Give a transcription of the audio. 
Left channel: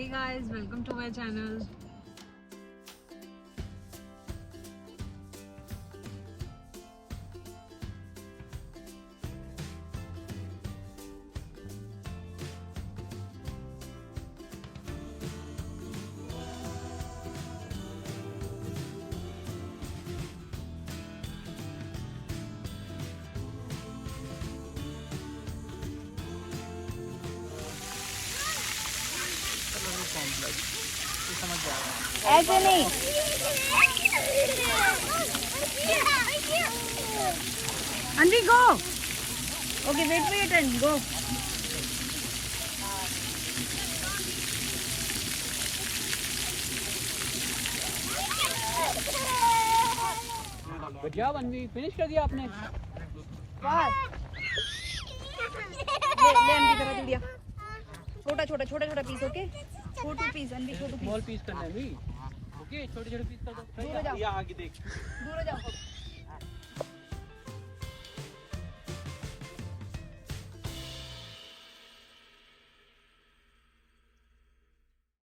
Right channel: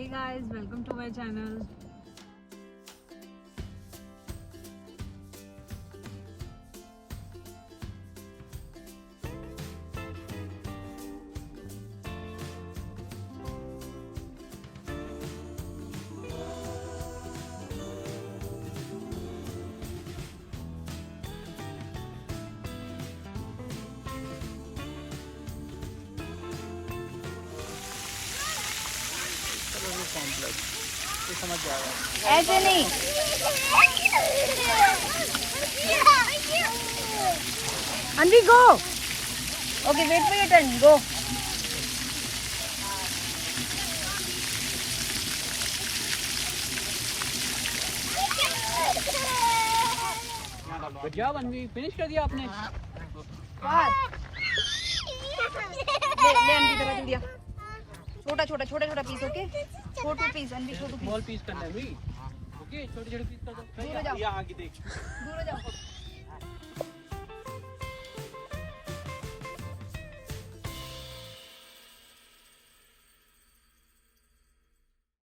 Hey guys, welcome to my channel. Complex ये समझ जाएगा। ऐसे नहीं। Anvi, go. Okay, wait for your turn. Go. Good job अनवी, फिनिश कर दिया आपने। छोटा छोटा छोटा छोटा पीस, ओके? छोटू पीस, अनवी छोटू पीस। स्मॉल पीस करना है अनवी। ओके, छोटे छोटे पीस कर दो। दूर हो जाओ। यहाँ आगे देख। दूर हो जाओ।